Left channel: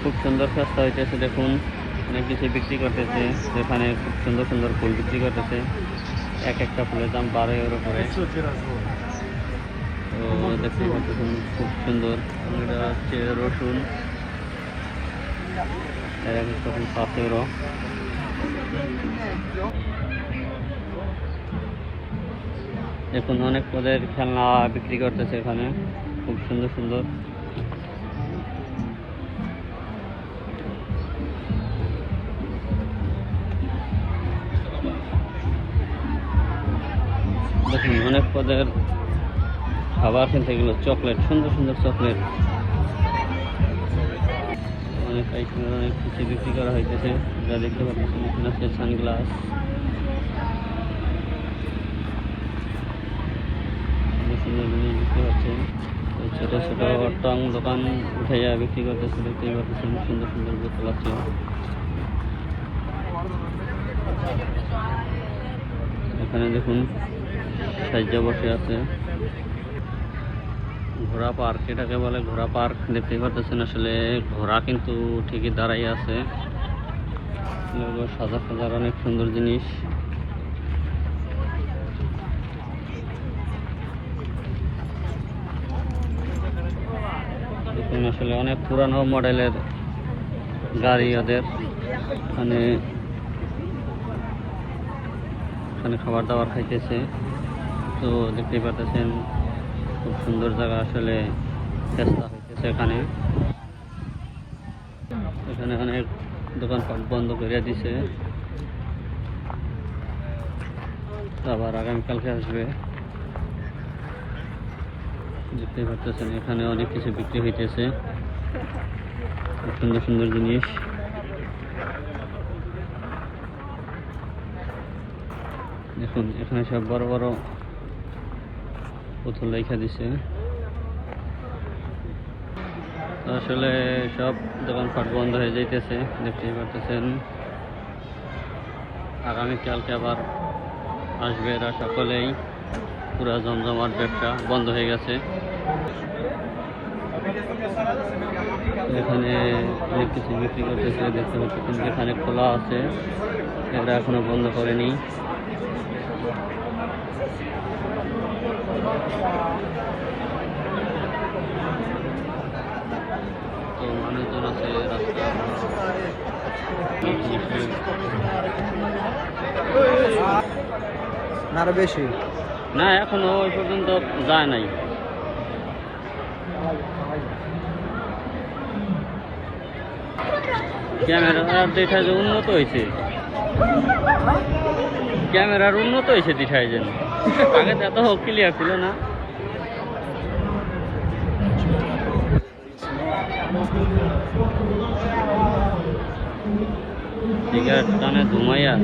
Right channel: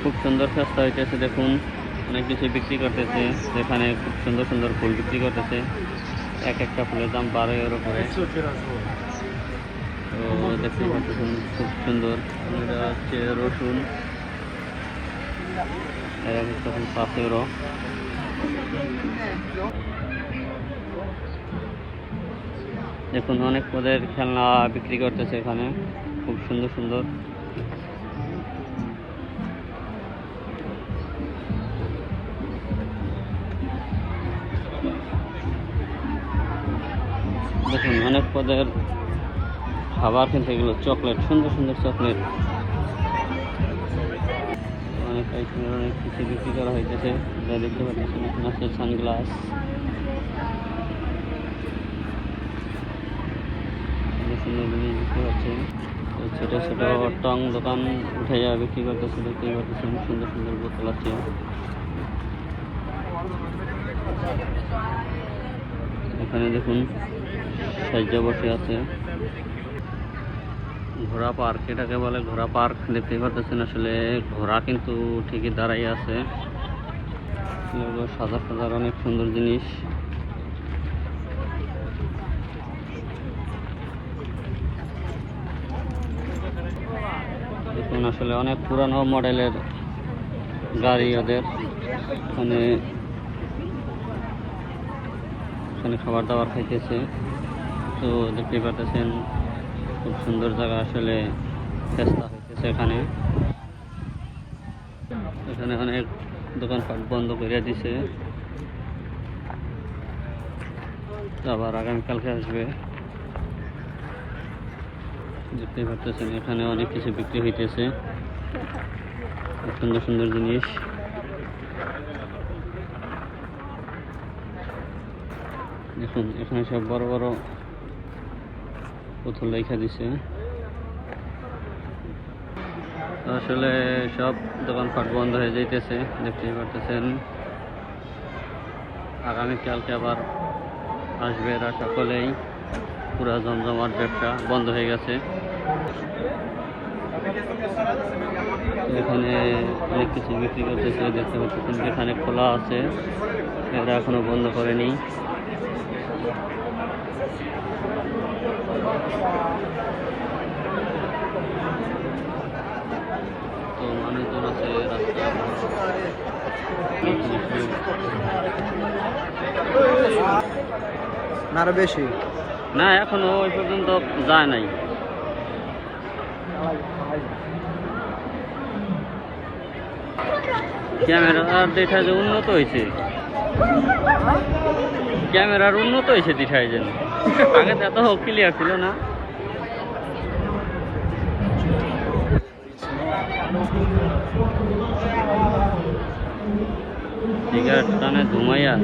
খুব সুন্দর ফেস্তা হইতেছে। দেখুন অনেক কিছু বিক্রি করতেছে, যেখানে খুব সুন্দর সুন্দর ফুল বিক্রি করতেছে। এক একটা ফুলের দাম 12 € করে। তো দেখতে পাচ্ছেন খুব সুন্দর। এটা হচ্ছে রসুন, এর এক একটা ফুল 5 €। দেখুন অনেক পদের খেলনা বিক্রি করতেছে এখানে, খুব সুন্দর সুন্দর। দেখুন অনেক পদের খাবার কিনতে গেল, চকলেট, সুন্দর সুন্দর চকলেট, অনেক আইটেমের অনেক কিছু বিক্রি করা হইতেছে। যা দেখতে পাচ্ছেন এখানে আছে সানগ্লাস, সুন্দর জিনিস বিক্রি হচ্ছে। ছোটো ছোটো টং দোকান উঠে যাওয়া বিক্রি করতেছে, দেখতেই পাচ্ছেন সুন্দর সুন্দর বোতল আছে। এখানে দেখুন সাহায্য বসে আছে। ঘোড়া পার্ক, এটাকে বলে ঘোড়া পার্ক। দেখতেই পাচ্ছেন আসলে ঘোড়া কিন্তু ঠিকই দাঁড়াই আছে। সাদা সাদার অনেক সুন্দর জিনিস। দেখুন আসলে অনেক পুরানো মডেলের গাড়ি ওদের। এখানে খাবার দাবার খাইতেছে। তো দেখতেই পাচ্ছেন খুব সুন্দর জায়গা, আসলে চেষ্টা হইতেছে এখানে। এখানে অনেক দোকানপাট বন্ধ করে দিছে, আবার আগামীকালকে আসবে। দেখতেই পাচ্ছেন এখানে অনেক কিছু বিক্রি হইতেছে, খুব সুন্দর সুন্দর জিনিস। দেখুন এখানে সব বড় বড় পুতুল রেখা দিছে। আসলে সব দোকানপাট বন্ধ হয়ে যাইতেছে, দেখতেই পাচ্ছেন। আগামীকালকে আবার আসবে এরা সকলেই। পুরা জমজমাট ব্যবসা বন্ধ হয়ে গেছে। এখানে অনেক কিছু বিক্রি করতেছে, দেখতে পাচ্ছেন। এখানে খোলা আছে, এরা এখনো বন্ধ করেনি। তো মানুষজন আছে রাস্তা। আরো বেশি না, এখনো ওই পর্যন্ত যায় নাই। ক্যামেরার দেখা যে উন্নত হয়েছে, ক্যামেরার উন্নত হয়েছে দেখায় যেন, আগে তো এত ক্লিয়ার ছিল না। সিগারেট টানে ধুমাইয়া।